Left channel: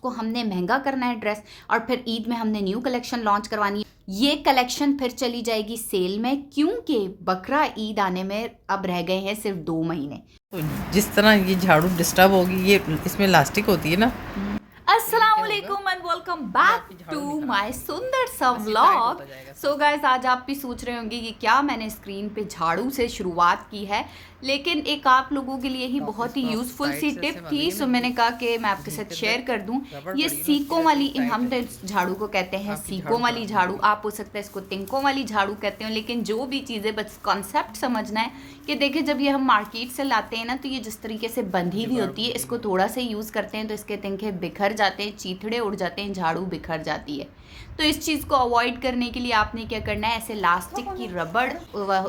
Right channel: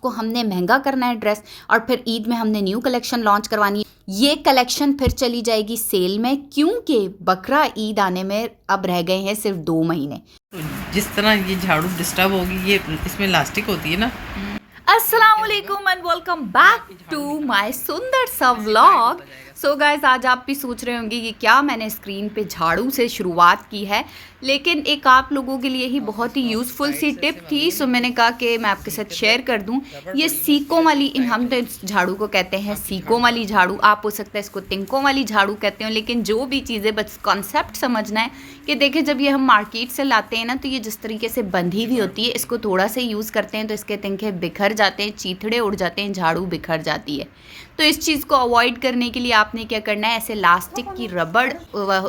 इसको हमने महंगा करना है ड्रेस, और फिर ईद में हमने न्यू कलेक्शन लॉन्च करवानी है। ये कलेक्शन फिर चली जाएगी सेल में, क्योंकि बकरा ईद आने में अब रह गए हैं सिर्फ 2 महीने। जिस तरह ये झाड़ू डिस्टर्ब होगी, ये इसमें इलास्टिक होती है ना। अस्सलाम वालेकुम and welcome back to my सुंदर सा व्लॉग। सो गाइस, आज आप भी सोच रहे होंगे कि क्या मैंने स्क्रीन पे झाड़ू से शुरुआत की है, लेकिन एक आप लोगों के लिए ही बहुत ही यूज़फुल सी टिप थी, सो मैंने कहा कि मैं आपके साथ शेयर कर दूं। ये सीकों वाली, हम तो इस झाड़ू को कहते हैं सीकों वाली झाड़ू, आप हो सकता है इसको तिनकों वाली झाड़ू कहते हो, लेकिन जो भी चीज़ें, बस कॉन्सेप्ट समझना है कि देखिए जब ये हम मार्केट से लाते हैं ना, तो ये जिस तरीके से बंधी हुई होती है, इसको थोड़ा सा यूज़ करते हैं तो इसके तिनके बिखर जाते हैं, चीथड़े उड़ जाते हैं, झाड़ू बिखर जाती है। तो इस चीज़ को अवॉइड करने के लिए आपने क्या करना है, ऐसे लास्टिक की रबड़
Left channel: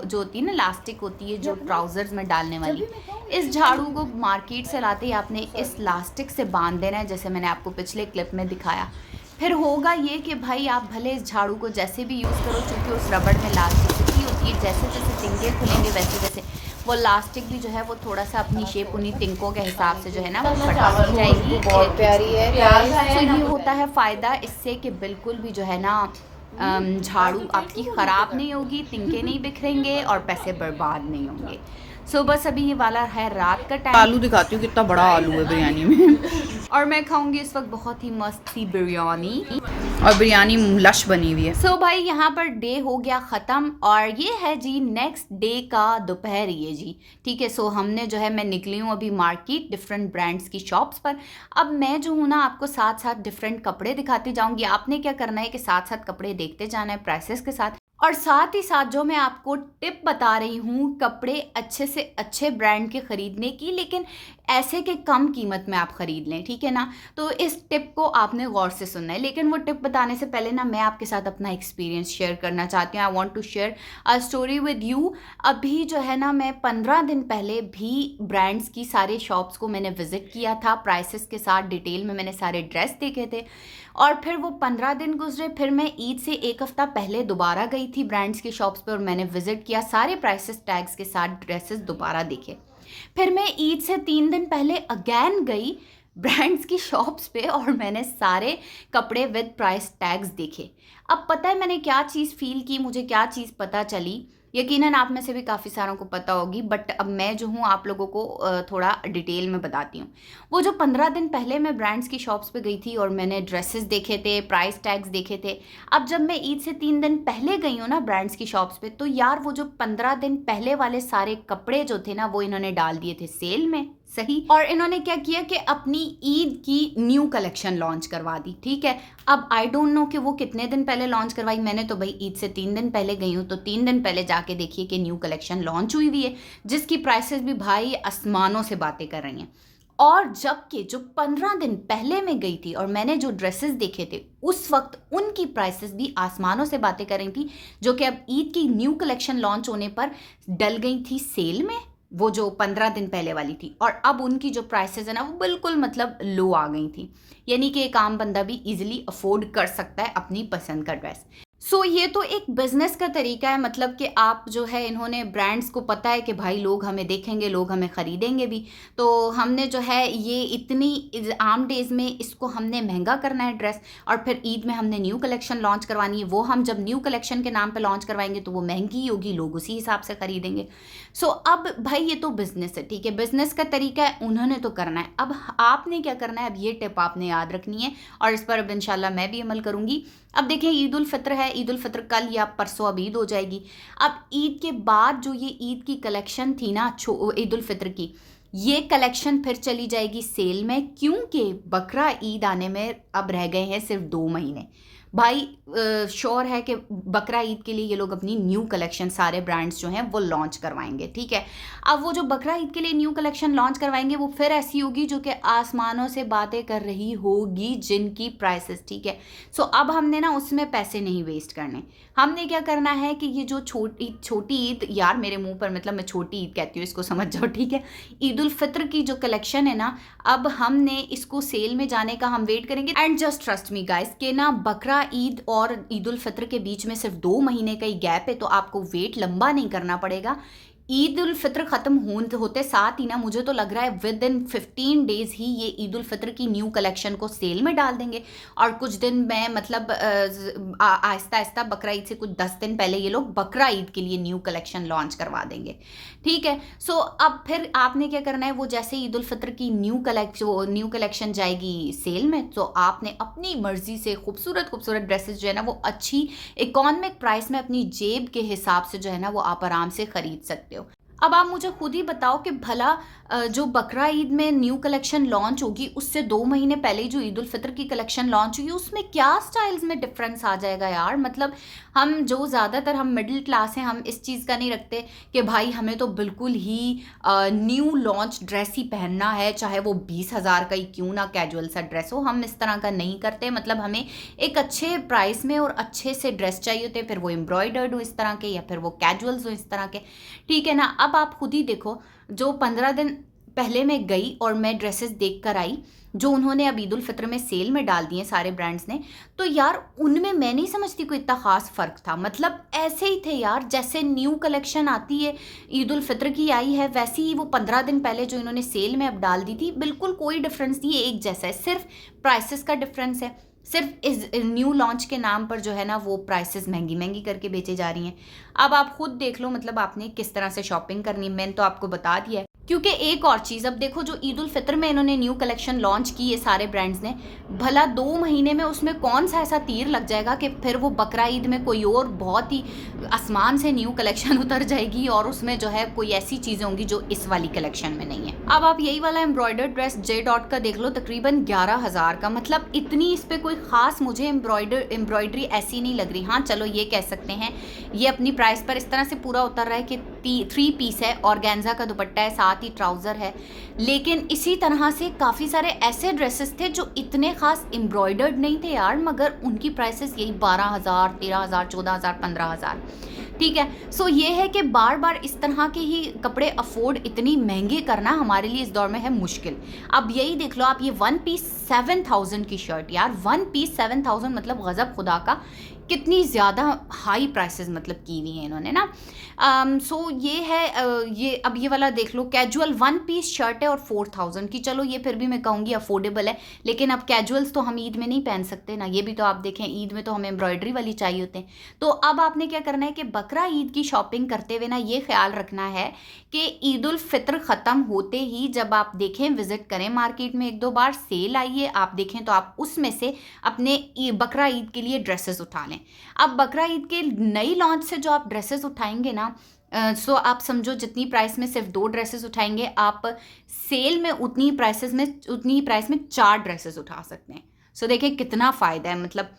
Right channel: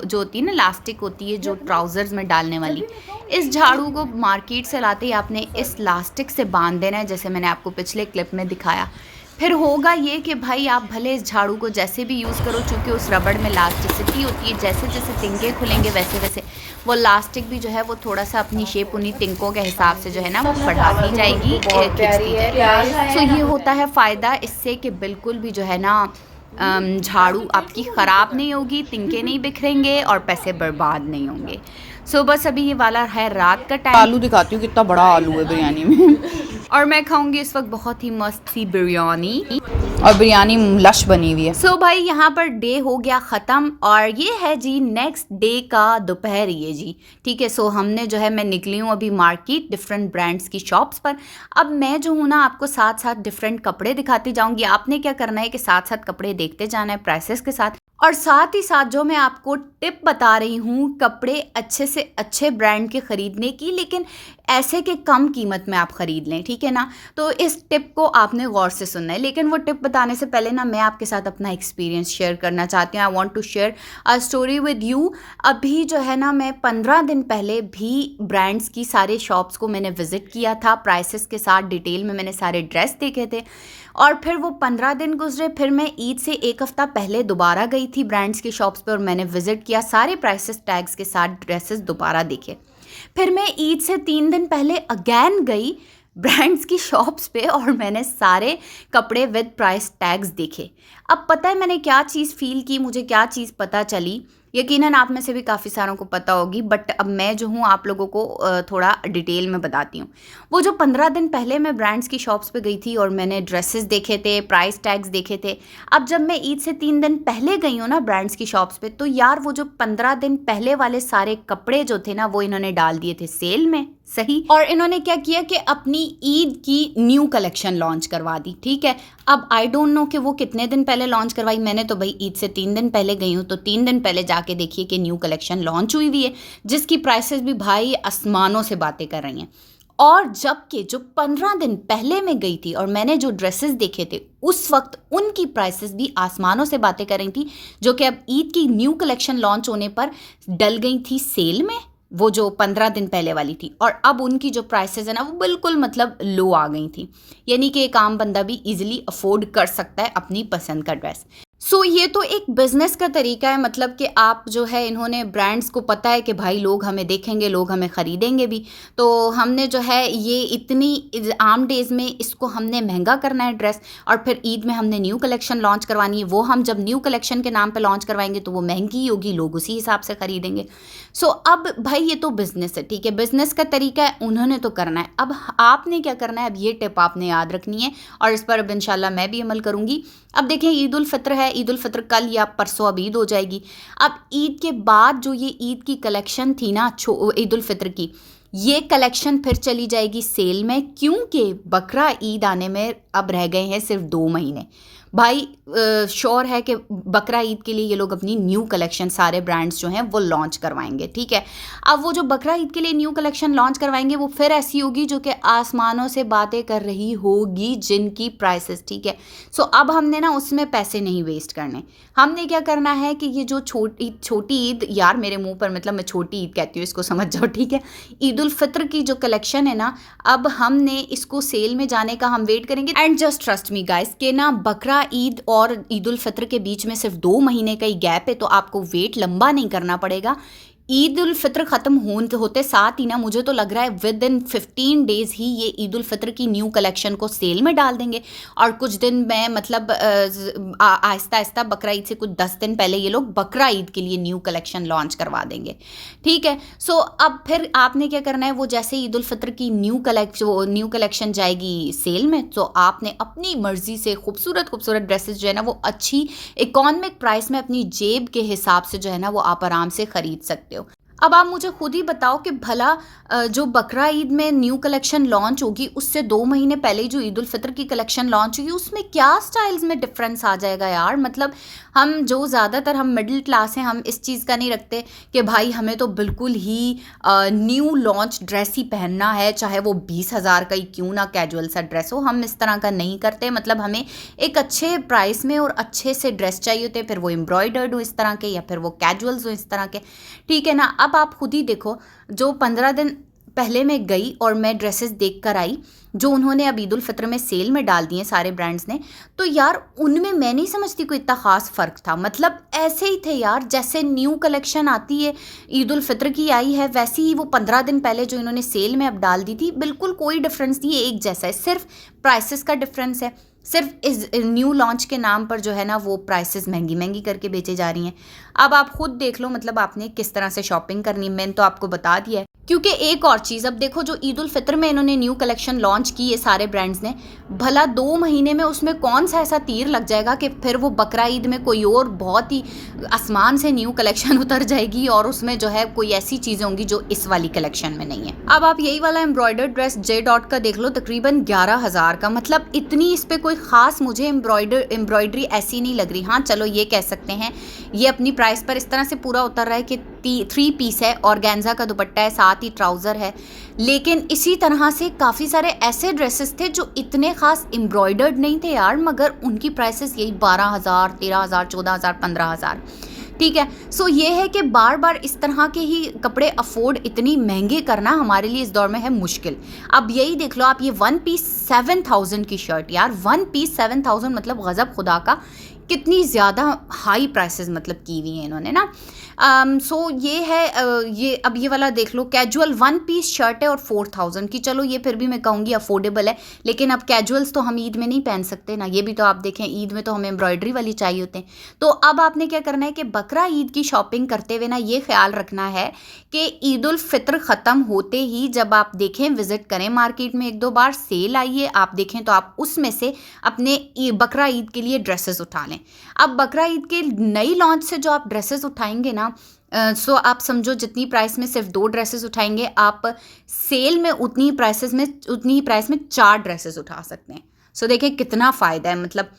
जो होती है ना, लास्टिक होती है जो ट्राउजर्स में डालने वाली, इस झाड़ू को मार्केट से लाते ही आपने इस लास्टिक से बांध देना है, जैसे मैंने आपको पिछले क्लिप में दिखाया। फिर होगा ये कि भाई आप भले इस झाड़ू को जैसे भी यूज़ करो, चूँकि उस रबड़ में इलास्टिसिटी होती है, जैसे जैसे तिनके खुलेंगे वैसे वैसे वो लास्टिक भी जो है वो थोड़ा सा अपनी शेप उन्हीं तिनकों के हिसाब से जो है ना वो बढ़ाती जाएगी। बहुत प्यारी है। तो ये होता है फ़ायदा इससे कि बिल्कुल भी जो है ना झाड़ू आपकी ख़राब नहीं होगी, तिनके नहीं बिखरेंगे और पैसे बर्बाद नहीं होंगे। सो बस अभी ये वाला है रात का टाइम। आलू दिखाती हूँ कितना बड़ा आलू है बिरयानी में। और मैं खाऊंगी इस वक्त बहुत ही मस्त सी बिरयानी, और बिरयानी लश बनी हुई है। सो भाई यहाँ पर डे हो गया ख़त्म, और ये है जी नेक्स्ट डे का दोपहर, ये जी ठीक है। सो हमने जो है, मैं निकली हूँ अभी मार्केट डिफरेंट ब्रांड्स की शॉप्स पर। अब मैं जो हूँ ना, आपको साथ साथ डिफरेंट कपड़े दिखाती जाऊँगी। आपने क्या करना है कि साथ साथ कपड़े देखते जाना है प्राइसेस के साथ, और साथ ही साथ जो मैं आपको टिप बता रही हूँ कपड़े अच्छे से अच्छे ब्रांड के ख़रीदने की, लेकिन ऐसे के कम कीमत में आप ख़रीद लें, ठीक है ना। तो इस टिप को आपने गौर से सुनना है, लेकिन वो टिप बताने से पहले ना मैं आपके साथ अपना एक्सपीरियंस शेयर करना चाहती हूँ। I want to share a story with you. अभी जो है ना, मैं 15 दिन पहले भी ब्रांड्स की सारे शॉप्स को मैंने विज़िट किया था, प्राइसेस के साथ डिटेल में मैंने सारे ड्रेस देखे थे, और फिर वो 15 दिन गुजरे, फिर मैं ईद से 1 हफ़्ता पहले दोबारा गई थी ब्रांड्स की शॉप्स पर, और मैंने विज़िट किया, सारे प्राइसेस टैग्स के साथ ड्रेसेस दोबारा देखे। फिर मैं ईद से 3 दिन पहले अगैन गई ब्रांड्स की शॉप्स पे, और मैंने सारे कपड़े विद प्राइस टैग्स देखे। अब पता है मैंने क्या चीज़ फ़ील की, मुझे क्या चीज़ पता चली, यकीनन आप में से भी काफ़ी सारों को पता होगी, बट अब मैं जो हूँ आप लोगों को थोड़ा डिटेल में बताती हूँ। वो जो 15 दिन पहले मैं ब्रांड्स की शॉप्स पे गई थी और मैंने ड्रेसेस देखे थे, प्राइस टैग्स देखे थे, अब जब मैं ईद से 3 दिन पहले गई हूँ ना ब्रांड्स की शॉप्स पे, तो यार वो जो 15 दिन पहले वाले सारे कपड़े जो थे ना, वो इन्होंने डाल दिए थे सेल में, सही। और इन्होंने क्या किया कि अपनी ईद की न्यू कलेक्शन लॉन्च करवा दी, ठीक है। अब आई डोंट नो कि वो कितने दिन पहले लॉन्च करवाई, मैंने तो भाई ईद से 3 दिन पहले गई हूँ, तो 3 दिन पहले जाके देखिए कि न्यू कलेक्शन लॉन्च हुई है, जिसकी प्राइसेस भी भाई आसमानों से बातें कर रही हैं। और जबकि जो 15 दिन पहले मैं गई थी और मैंने जो ड्रेसेस देखे थे, उस वक्त उनकी प्राइसेस भी आसमानों से बातें कर रही थी, जो कि अब ईद की न्यू कलेक्शन लॉन्च होने पर डल गई थी सेल में, वो जो 15 दिन पहले वाली थी, और अब उनकी जो प्राइसेस है ना, वो बिल्कुल मतलब लो आ गई थी, यानी कि एक आम बंदा भी इजीली अफोर्ड कर सकता है अपनी पसंद का ड्रेस। सो ये तो एक बिज़नेस का तरीका है, मतलब कि आप जो है, इन्होंने ब्रांड्स को पता है कि भाई लोग हमें देखेंगे, लोग हमें ख़रीदेंगे भी, तो हमने जो है ये इतनी आम डेज़ में इसको हमने महंगा करना है ड्रेस, और फिर ईद में हमने न्यू कलेक्शन लॉन्च करवानी है, वो हम जब न्यू कलेक्शन के नाम पे लॉन्च करवाएंगे तो वो महंगी होगी, लोग उसी हिसाब से ख़रीदेंगे। सो अब भाई ये तो बिज़नेस है, ठीक है, बिज़नेस का तरीका है, उन्होंने तो करना है। अब आपने क्या करना है, अब ये टिप आपने याद रखनी है, और इस पर अब इंशाल्लाह मैं भी अमल करूँगी। अब देखें, ईद उल फित्र है, ईद उल फित्र कल या परसों अब ईद हो जाएगी। अब ईद के बाद जो ये ईद की कलेक्शन थी ना, ईद उल फित्र की, ये कलेक्शन फिर चली जाएगी सेल में, क्योंकि बकरा ईद आने में अब रह गए हैं सिर्फ 2 महीने। भाई श्योर है कि बकरा ईद के लिए ये लोग अपनी न्यू कलेक्शन सारे ब्रांड्स जो हैं वो लॉन्च करवाएंगे, ठीक है। अब वो जो बकरा ईद के लिए न्यू कलेक्शन लॉन्च करवाएंगे, वो फिर ऐसी होगी जो कि आसमानों से बातें कर रही होगी, जिनकी प्राइसेस, ठीक है। सो अब हमने ना उसमें पैसे नहीं वेस्ट करने, हमने क्या करना है कि ये जो छोटी ईद, यार मेरे मुंह पर मतलब मैं छोटी ईद कहती हूँ, इसको समझ जाओ, ठीक है, ईद उल फित्र की जो कलेक्शन है ना, अब हमने इसको सेल में जाने का हम वेट करेंगे। And just trust me guys कि ना बकरा ईद और ईद उल फित्र के बीच में सिर्फ 2 महीने का ही गैप है, तो आपको वेट लंबा नहीं करना पड़ेगा। ईद उल फित्र ख़त्म होते साथ ही ना मुझे तो लग रहा है विद इन 15 डेज़ ही ये ईद उल फित्र की न्यू कलेक्शन को सेल में डाल देंगे। और कुछ दिन में मतलब आहिस्ता आहिस्ता बकरा ईद से कुछ 10 दिन पहले ये लोग बकरा ईद के लिए न्यू कलेक्शन लॉन्च करवा देंगे। ठीक है, सो अब फिर आपने क्या करना है, वो जैसे ईद उल फित्र की न्यू कलेक्शन जाएगी सेल में, तो आपने अपनी मर्ज़ी से खूबसूरत खूबसूरत ड्रेसेस जो है ना वो अच्छी इकॉनमिक प्राइस में अपनी जेब के हिसाब से जो है ना वो आप आराम से ख़रीद सकते हो। अब आप मुझे खुद ही बताओ कि भला जो बकरा ईद में न्यू कलेक्शन लॉन्च होगी उससे 2 महीने पहले जो ईद उल फित्र की कलेक्शन लॉन्च होगी उसमें क्या स्टाइल्स में डिफरेंस आ जाएगा यार। मतलब हम जो ज़्यादातर हम मिडिल क्लास हैं, हम इस चीज़ का नहीं रखते कि भाई हमें तो बिल्कुल ही न्यू लॉन्च ड्रेस ही पहनना है, चाहे वो 20,000 का ही क्यों ना कैजुअल सा ड्रेस हो। हम इस तरह का नहीं करते। मतलब हमें एक अच्छे प्राइस में और अच्छे से ड्रेस चाहिए होते हैं, फिर वो एम्ब्रॉयडर्ड हो इस तरह के या फिर वो कैजुअल्स हो इस तरह के। ठीक है ना। अब आप खुद ही देखो, जो 15 दिन पहले मैं गई और मैं ड्रेसेस देख कर आई जो उन्होंने अब ईद उल फित्र में सेल में डाल दिए सारे ब्रांड्स ने, तो यार उनमें मैं नहीं समझती कोई इतना ख़ास फ़र्क था। मतलब ऐसे ही थे यार, जैसे न्यू कलेक्शन आती है ईद उल फित्र की आई है वैसी ही वो 15 दिन पहले जो इन्होंने सेल में अब डाल दी थी, बिल्कुल कोई डिफरेंस नहीं है, एक जैसा है। सिर्फ प्राइसेस का डिफरेंस है, सिर्फ इस न्यू लॉन्च के नाम पर जो है ना वो प्राइसेस महंगी महंगी करके बेचे जा रही हैं। अब आप खुद देख लो मतलब आपने किस तरह से शॉपिंग करनी है, मैंने तो आपको बता दिया है। क्योंकि एक और चीज़, अब देखो जो ईद उल फित्र में इन्होंने न्यू कलेक्शन लॉन्च की है सारे ब्रांड्स ने, भला 2 महीने में उसमें कौन सा ऐसा तीर लग जाएगा कि फिर वो बकरा ईद में कोई और बहुत ही आसमान से न्यू कलेक्शन उतर जाएगी और उसमें जो है कोई ऐसी चीज़ें होंगी जो इस वाली कलेक्शन में नहीं है। अब आप यही वाला एम्ब्रॉयडर्ड ड्रेस जे डॉट का देख लो, तकरीबन 11,000 का। मतलब इतनी इस पर कोई ख़ास मुझे एम्ब्रॉयडरी ऐसी नहीं लग रही। हाँ चलो ये कह सकते हैं ये अपनी प्राइस पर इस तरह से पूरा उतर रहा है कि 3 पीस है, ऑर्गेन्जा का दुपट्टा है, साथ ही ट्राउज़र है। लेकिन इसी तरह से काफ़ी सारे ऐसे ड्रेसेस थे जो इतने ख़ास एम्ब्रॉयडर्ड नहीं थे यार, मगर उनकी प्राइसेस यही 12,000, 13,000, 14,000, 15,000। ठीक है, सो ये है कि बार बार इस तरह के ही कपड़े अफोर्ड इतनी महंगे करना हमारे लिए इस दौर में है मुश्किल। अब यही देख लो आप, ये 1 पीस 7,000 की शर्ट यार, 1 पीस 7,000 मतलब गज़ब खुदा का, कितनी ज़्यादा हाई प्राइसेस मतलब की हुई हैं इन्होंने ना। सो ये है ये अब ये वाला देख लो, कैजुअल 1 पीस शर्ट है और 4,000 की। चलो ये फिर भी मैं कहूँगी अफोर्डेबल है, लेकिन अब कैजुअल्स तो हम ईद में नहीं पहन सकते ना, ये भी तो आप देखें ईद में तो हमें एम्ब्रॉयडरी वाली चाहिए होते हैं। तो अब आपने क्या करना है कि बकरा ईद की शॉपिंग करते हुए ना ये ख्याल रखना है कि ईद उल फित्र ख़त्म होते ही जब आप देखें, विज़िट करें मार्केट में 1-2 बार, सेल आई है आप देखें तो आप उसमें से अपने बकरा ईद के लिए ड्रेसेस उठा लें। अब बकरा ईद के नई लॉन्च से जो आप ड्रेसेस उठाएंगे ना, सो आप समझो जितनी प्राइस में सिर्फ 2 ड्रेसेस उठाएंगे, आप सेल में उतनी ही प्राइस में 4 ड्रेसेस उठा सकते हैं। सो देखिए कितना फ़ायदा है। मतलब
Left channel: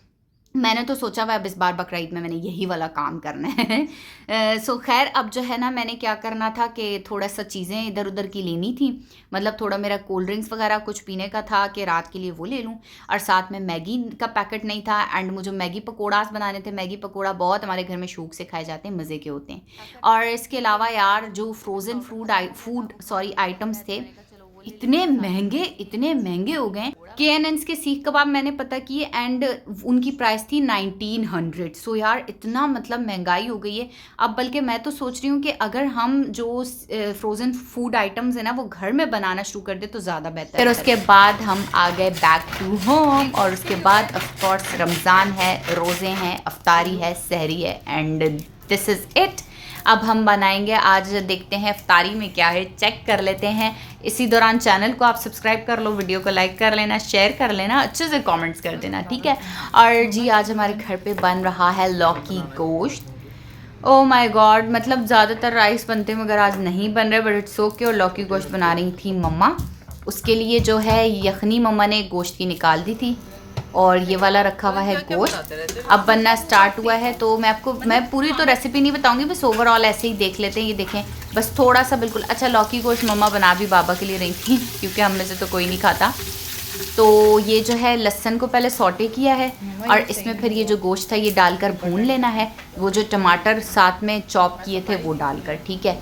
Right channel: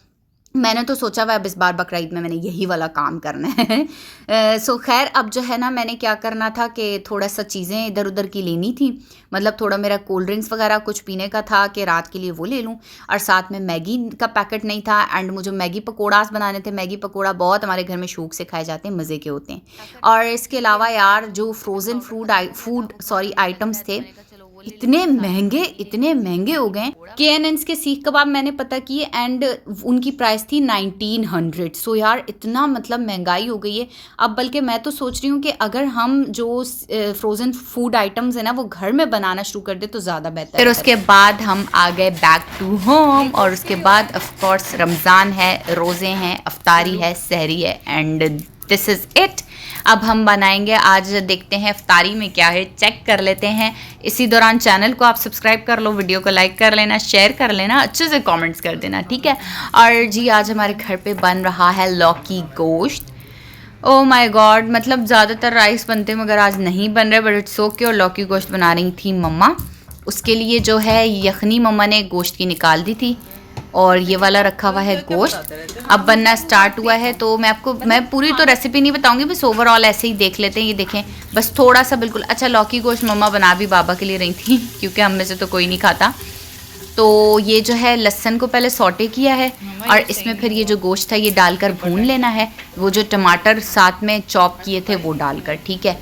मैंने तो सोचा हुआ अब इस बार बकरा ईद में मैंने यही वाला काम करना है। सो खैर अब जो है ना मैंने क्या करना था कि थोड़ा सा चीज़ें इधर उधर की लेनी थी। मतलब थोड़ा मेरा कोल्ड ड्रिंक्स वगैरह कुछ पीने का था कि रात के लिए वो ले लूँ, और साथ में मैगी का पैकेट नहीं था, एंड मुझे मैगी पकौड़ास बनाने थे। मैगी पकौड़ा बहुत हमारे घर में शौक से खाए जाते हैं, मज़े के होते हैं। और इसके अलावा यार जो फ्रोज़न आइटम्स थे इतने महंगे हो गए। KNN's के सीख कबाब मैंने पता किए एंड उनकी प्राइस थी 1900। सो यार इतना मतलब महंगाई हो गई है। अब बल्कि मैं तो सोच रही हूँ कि अगर हम जो फ्रोज़न फूड आइटम्स है ना वो घर में बनाना शुरू कर दे तो ज़्यादा बेहतर है। फिर उसके बाद हम आ गए बैक टू होम, और उसके बाद ऑफ कोर्स रमज़ान है, रोज़े हैं, अफ्तारी है, सहरी है, एंड दिस इज़ इट। अब हम बनाएंगे आज, देखते हैं इफ्तारी में क्या है, चेक कर लेते हैं। इसी दौरान चैनल को आप सब्सक्राइब कर लो, वीडियो को लाइक कर लेना, शेयर कर लेना, अच्छे से कमेंट्स कर देना, ठीक है। और जी आज हमारे घर पे बन रहा है लौकी गोश्त। ओह माय गॉड, मतलब ज़्यादातर राइस बनते मगर आज नहीं बन रहे, बट इट्स ओके। और लौकी गोश्त बना रही थी मम्मा, उसके लिए जो है यखनी मम्मा ने गोश्त की निकाल दी थी, और ये वाला रखा हुआ है गोश्त। अब बनना स्टार्ट हुआ है, तो मैं पूरी तो रेसिपी नहीं बताऊंगी, बस ओवरऑल ऐसे ही देख लेते हैं। ये देखें बस थोड़ा सा बिल्कुल। अच्छा, लौकी गोश्त मम्मा बना भी बाबा के लिए रही थी क्योंकि हम में से तो कोई नहीं खाता। तो ये जो है लहसुन को पहले सौटे किया है, और इसमें फिर ये जो गोश्त है ये डालकर भून लेना है। वो जो टमाटर साथ में चॉप किए थे वो डालकर, ठीक है।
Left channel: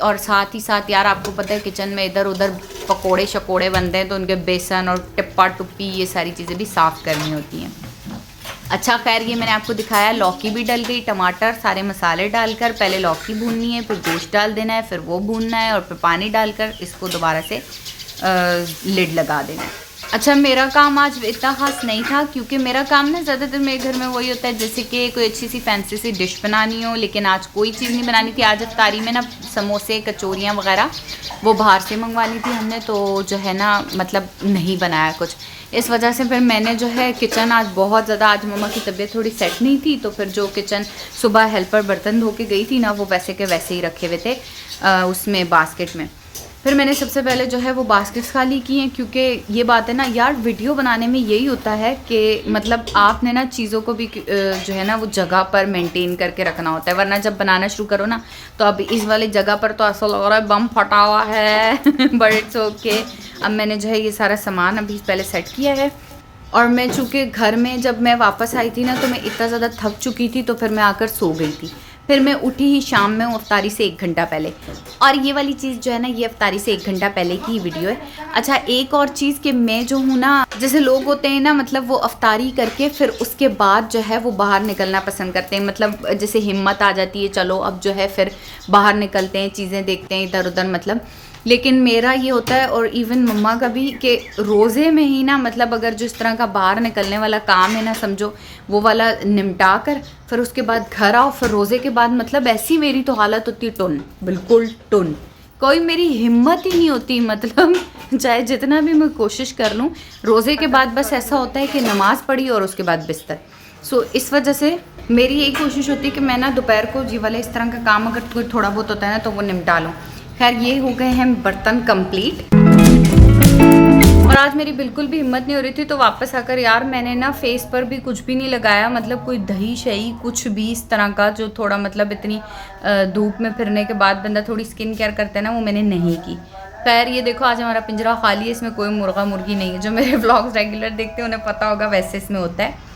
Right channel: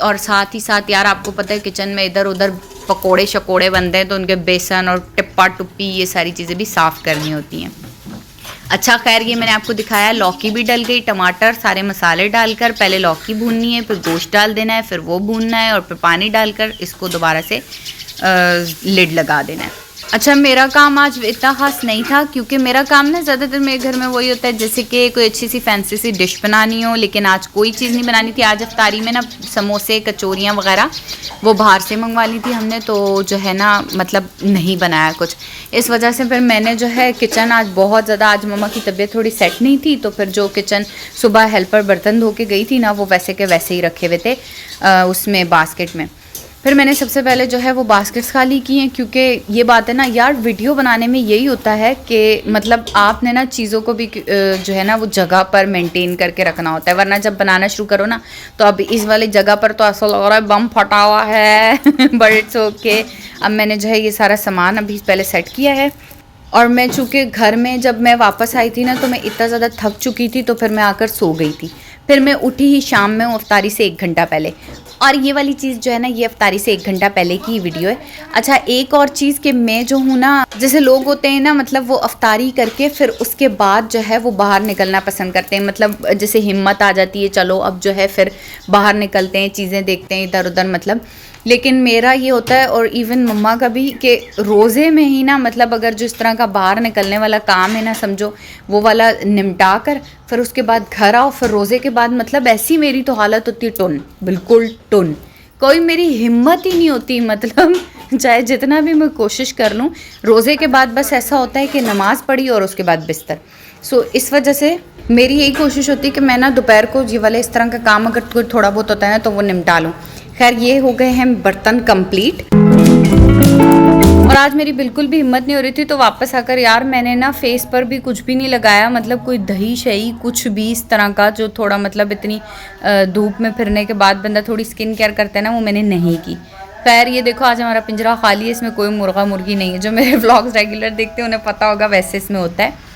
और साथ ही साथ यार आपको पता है किचन में इधर उधर पकोड़े शकोड़े बनते हैं, तो उनके बेसन और टिप्पा टुप्पी ये सारी चीज़ें भी साफ़ करनी होती हैं। अच्छा खैर ये मैंने आपको दिखाया, लौकी भी डल गई, टमाटर सारे मसाले डालकर पहले लौकी भूननी है, फिर गोश्त डाल देना है, फिर वो भूनना है और फिर पानी डालकर इसको दोबारा से लिड लगा देना है। अच्छा मेरा काम आज इतना ख़ास नहीं था क्योंकि मेरा काम ना ज़्यादातर मेरे घर में वही होता है जैसे कि कोई अच्छी सी फैंसी सी डिश बनानी हो, लेकिन आज कोई चीज़ नहीं बनानी थी। आज इफ्तारी में ना समोसे कचौरियाँ वगैरह वो बाहर से मंगवा ली थी हमने, तो जो है ना मतलब नहीं बनाया कुछ, इस वजह से फिर मैंने जो है किचन आज बहुत ज़्यादा, आज मम्मा की तबीयत थोड़ी सेट नहीं थी तो फिर जो किचन सुबह हेल्पर बर्तन धो के गई थी ना वो वैसे के वैसे ही रखे हुए थे उसमें बास्केट में। फिर मैंने सबसे पहले जो है वो बास्केट्स खाली की हैं क्योंकि ये बात है ना यार, वीडियो बनाने में यही होता है कि मतलब आपने ना चीज़ों को भी जो है ना वो जगह पर मेंटेन करके रखना होता है, वरना जब बनाना शुरू करो ना तो अब इस वाली जगह पर तो ऐसा लग रहा है बम फटा हुआ है बट इट्स ओके। अब मैंने जो है ये सारा सामान अभी पहले सेट किया है और मैं चूँकि घर में जब मैं वापस आई थी ना तो मैं इतना ज़्यादा थक चुकी थी तो फिर मैं आकर सो गई थी। फिर मैं उठी ही शाम में इफ्तारी से 1 घंटा पहले, और ये वाली चीज़ जो है ना ये इफ्तारी से 1 घंटा पहले की वीडियो है। अच्छा एक और चीज़ कि मैं जो हूँ ना, जैसे लोग होते हैं ना मतलब वो इफ्तारी करके फिर उसके बाद जो है वो बाहर निकलना पसंद करते हैं, मतलब जैसे हिम्मत आ जाती है चलो अब जो है फिर बाहर निकलते हैं, चीज़ें देखते हैं इधर उधर मतलब। लेकिन मेरा ये होता है और इवन मम्मा का भी कि रोज़े में ही ना मतलब अगर जो इस तरह का बाहर निकलने वाला काम है ना समझो वो वाला निपटा कर फिर उसके बाद घर आओ, फिर रोज़े के बाद मतलब ऐसी मेरी तो हालत होती है टुन, बिल्कुल टुन, कोई मेरी हिम्मत ही नहीं होती, मतलब चाहे जितना भी मैं कोशिश कर लूँ रोज़े के बाद बस ऐसा होता है कि नमाज़ पढ़ी और उसके बाद बिस्तर। सो इस वजह से मेरी यही कोशिश होती है कि मैं ना दोपहर को ये वाले इस तरह का काम अगर कोई थोड़ा बहुत होता है ना तो वो निपटा लूँ। खैर ये हो गए हैं बर्तन कंप्लीट और आज मेरी बिल्कुल भी हिम्मत नहीं हो रही थी तो वापस आकर यार मैंने ना फेस पर भी कुछ भी नहीं लगाया, मतलब कोई दही शही कुछ भी इस तरह का जो थोड़ा मतलब इतनी धूप में फिरने के बाद बंदा थोड़ी स्किन केयर करता है ना वो मैंने नहीं की। खैर ये देखो आज हमारा पिंजरा खाली है, इसमें कोई मुर्गा मुर्गी नहीं है, जो मेरे व्लॉग्स रेगुलर देखते हैं उन्हें पता होगा वैसे इसमें होता है।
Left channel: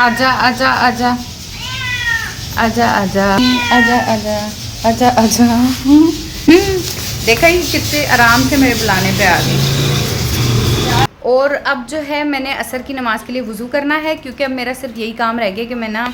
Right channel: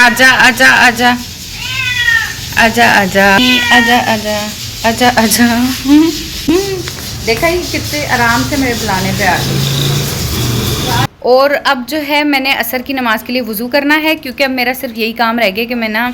आजा आजा आजा आजा आजा आजा आजा आजा आजा देखा ही कितने आराम से मेरे बुलाने पे आ गई। और अब जो है मैंने असर की नमाज़ के लिए वज़ू करना है क्योंकि अब मेरा सिर्फ यही काम रह गया कि मैं ना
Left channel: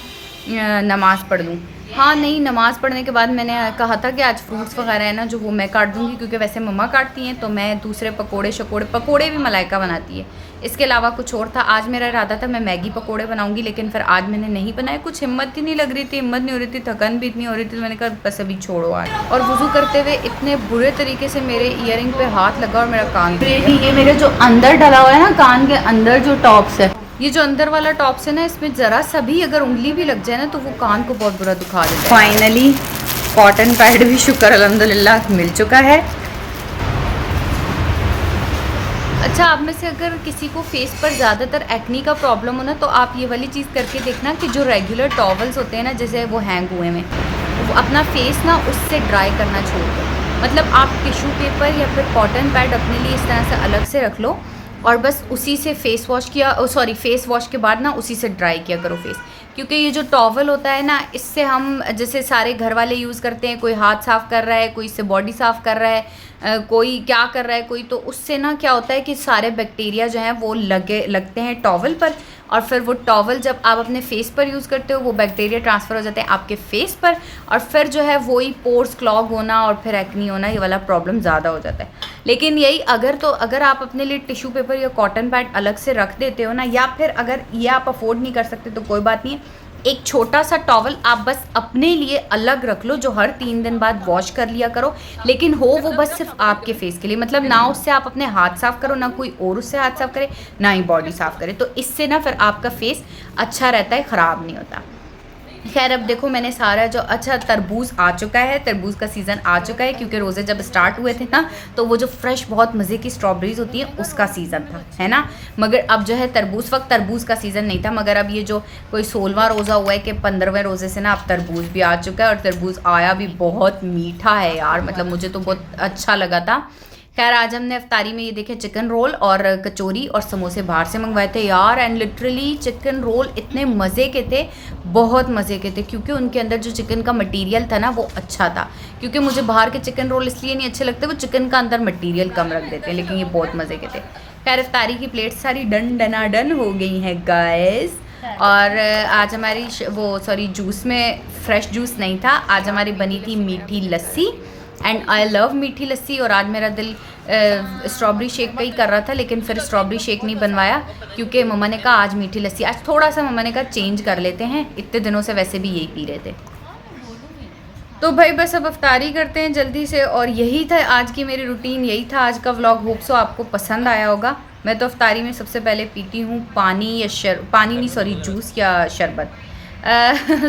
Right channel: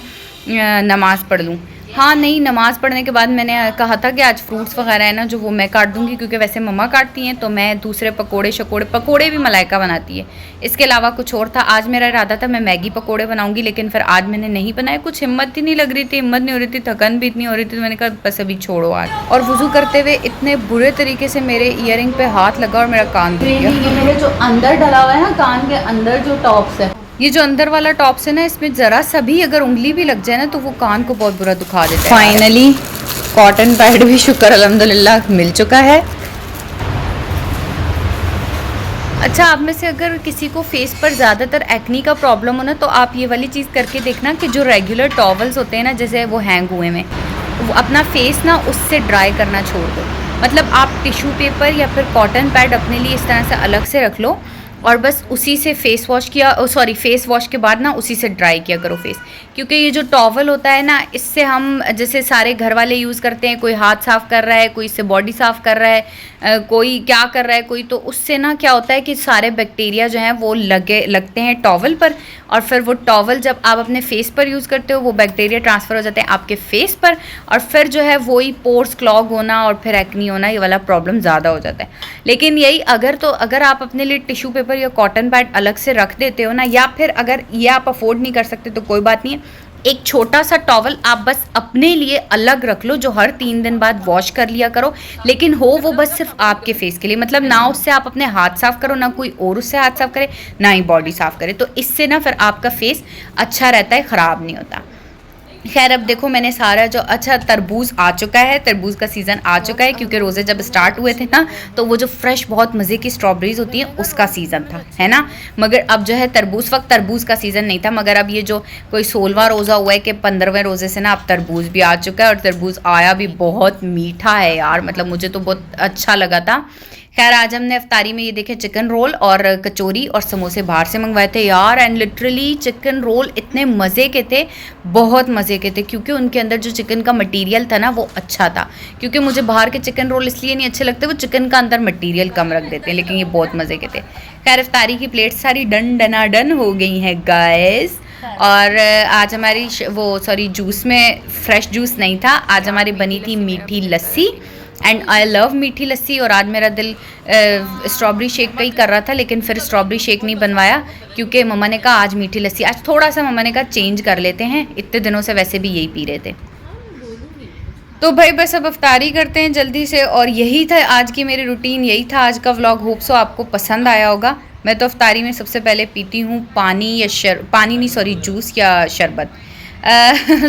नमाज़ पढ़ लूँ। हाँ नहीं, नमाज़ पढ़ने के बाद मैंने कहा था कि आज फ्रूट्स वगैरह है ना जो वो मैं काट दूँगी क्योंकि वैसे मम्मा काटती हैं, तो मैं दूसरे पकोड़े भी मलाइका बनाती है, इसके अलावा कुछ और था। आज मेरा इरादा था मैं मैगी पकोड़े बनाऊँगी लेकिन फिर आज मैंने नहीं बनाए, कुछ हिम्मत ही नहीं लग रही थी, हिम्मत नहीं हो रही थी, थकन भी इतनी हो रही थी, तो मैंने कहा बस अभी छोड़ो आज। और वज़ू करते हुए इतने बुरे तरीके से मेरे ईयरिंग पे हाथ लगा और मेरा कान, ये मेरे जो अंदर डला हुआ है ना कान के अंदर जो टॉप्स है, ये जो अंदर वाला टॉप्स है ना इसमें ज़रा सा भी अगर उंगली भी लग जाए ना तो वो कान को बहुत बुरा दुखा देता है। फाइनली कॉटन पैड भी शुक्र अल्हम्दुलिल्लाह मिल चुका है। अच्छा आप में से अगर किसी को फेस पर ज़्यादातर एक्नी का प्रॉब्लम हो ना तो आप ये वाली चीज़ करके देखना कि जो रेगुलर टॉवल्स होते हैं ना जैसे वो हैंग हुए में, वो अपना फेस ना उससे ड्राई करना छोड़ दो, मतलब आप टिश्यू पेपर या फिर कॉटन पैड अपने लिए इस तरह से अलग से रख लो और बस उसी से फेस वॉश के बाद ना उसी से ड्राई किया करो फेस, क्योंकि ये जो टॉवल होता है ना इससे हम जैसे सारे घर वाले यूज़ करते हैं, कोई हाथ साफ़ कर रहा है, कोई इससे बॉडी साफ़ कर रहा है, कोई क्या कर रहा है कोई, तो उससे ना क्या होता है कि सारे बैक्टीरिया जो हैं वो लगते हैं टॉवल पर और फिर वो टॉवल जब आप अपने फेस पर यूज़ करते हो वो बैक्टीरिया ट्रांसफ़र हो जाते हैं आपके फेस पर और फिर जो है वही पोर्स क्लॉग होना और फिर एक्नी होना, ये वाला प्रॉब्लम ज़्यादा हो जाता है। लेकिन यही अगर आप अपने लिए टिश्यू पेपर या कॉटन पैड अलग से रख देते हो ना, या फिर अगर ये आप अफोर्ड नहीं कर सकते तो कोई बात नहीं है, एक छोटा सा टॉवल आप बस अपने लिए अलग रख लो जो हर 3 दिन बाद वॉश कर लिया करो, लेकिन हो वो बस सिर्फ आपके फेस के लिए, मतलब ना उससे आप अपने हाथ साफ़ करो, ना कोई और उससे हाथ साफ़ करे, ना ही बॉडी साफ़ करे, तो इससे ना फिर आपका फेस अच्छा रहता है, ख़राब नहीं होता। खैर अब देखो मैंने सारा जो, अच्छा तरबूज आ चुका है, तरबूज का सीज़न आ चुका है क्योंकि रोज़े जब स्टार्ट हुए थे ना तो वो जो फ्रेश बहुत मज़े की स्ट्रॉबेरीज़ होती हैं उसका सीज़न था, है ना, मगर अब जो है तरबूज का सीज़न नहीं था, मगर अब ये जो कोई 16वां रोज़ा हुआ है कि 15वें रोज़े से ना अब तरबूज भी आ चुका है और तरबूज आया भी बहुत मीठा है यार, मतलब मुझे तो बहुत अच्छा लगा था। खैर आज हमने इफ्तारी में ये देखे चिकन रोल और कचौरी और समोसे बाहर से मंगवाए थे यार। एंड लिटरली चिकन रोल इतने मज़े के थे, बहुत मज़े के थे, क्योंकि उनके अंदर जो चिकन का मटेरियल था ना वो अच्छा था। क्योंकि मुझे बाहर के चिकन रोल इसलिए नहीं अच्छे लगते, वो चिकन का अंदर मटेरियल कम रख देते हैं, लेकिन ये बहुत मज़े के थे। खैर इफ्तारी की प्लेट सारी डन हो गई हैं गाइस। और आज हमारी जूस में फ्रेश जूस नहीं था, आज हमारी बनी थी मीठी लस्सी। एंड आई लव मीठी लस्सी। और आज मेरा दिल स्ट्रॉबेरी शेक का ही कर रहा था, लेकिन फिर स्ट्रॉबेरी शेक नहीं बनवाया क्योंकि मम्मा ने कहा आज मीठी लस्सी, आज थोड़ा सा मम्मा ने कहा चेंज कर लेते हैं, इतने दिनों से वैसे भी यही पी रहे थे। तो भाई बस अब इफ्तारी करते हैं जल्दी से। और यही था आज की मेरी रूटीन, यही था आज का व्लॉग। होप सो आपको पसंद आया होगा। मैं तो इफ्तारी में सबसे पहले पीती हूँ जूस या शरबत।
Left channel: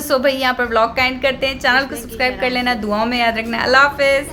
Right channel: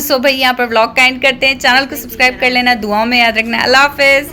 सो भाई यहाँ पर व्लॉग का एंड करते हैं। चैनल को सब्सक्राइब कर लेना, दुआओं में याद रखना। अल्लाह हाफिज़।